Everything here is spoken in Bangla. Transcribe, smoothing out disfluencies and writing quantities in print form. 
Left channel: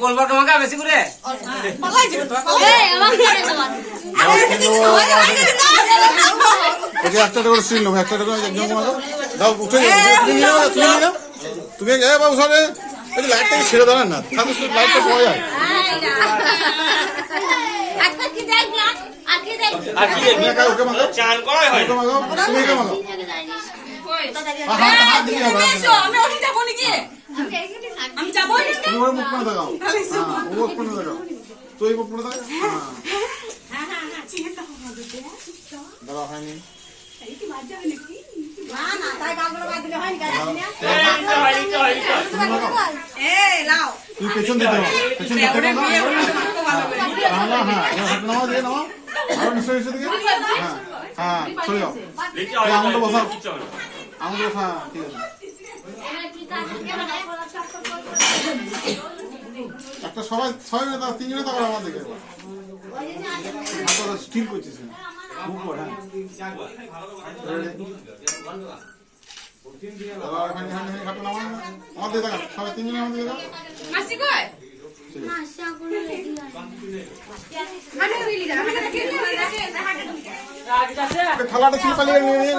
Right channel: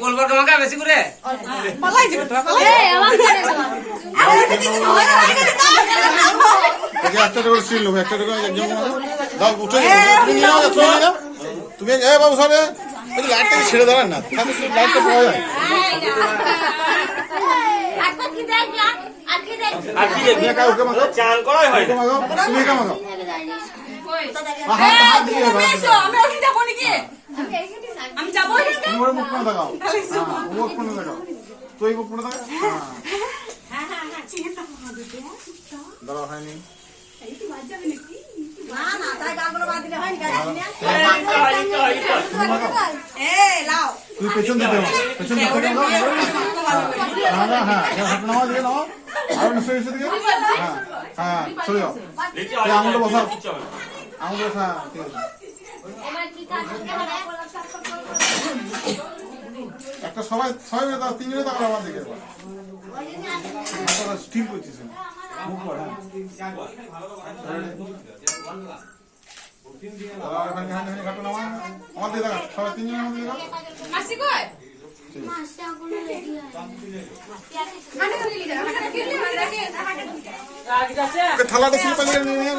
গোলবার কামাকা বেশি করে একটা করে সিল লোক একটা করে একজন দাও উঠে তুমি বাবু সরে লাইটটা ছেড়ে দাঁড়ান না তাহলে লাইটটা পাওয়া যায় তুমি কে মাগো হাত দিয়ে আমি যাবো তোমার মুখ করে দেখাও মুখ করে দেখাও তুই মুখ করে দেখা দাঁড়া হয়নি তুই পেছন দিতে পেছন দিতে নাও দিয়ে নাও আর নিশ্চয় দিকে হ্যাঁ হ্যাঁ চলে যাও আঙুলটা বসাও আঙুল বসা ঠিক আছে একটা সবাই তিনজনে তাকাল আমার দিকে ঠিক করছিস মুখ কর হ্যাঁ আমাদের দেখা সবাই তিনজনে আমাদের দেখা থালাটা ছিল পালিয়ে নিয়ে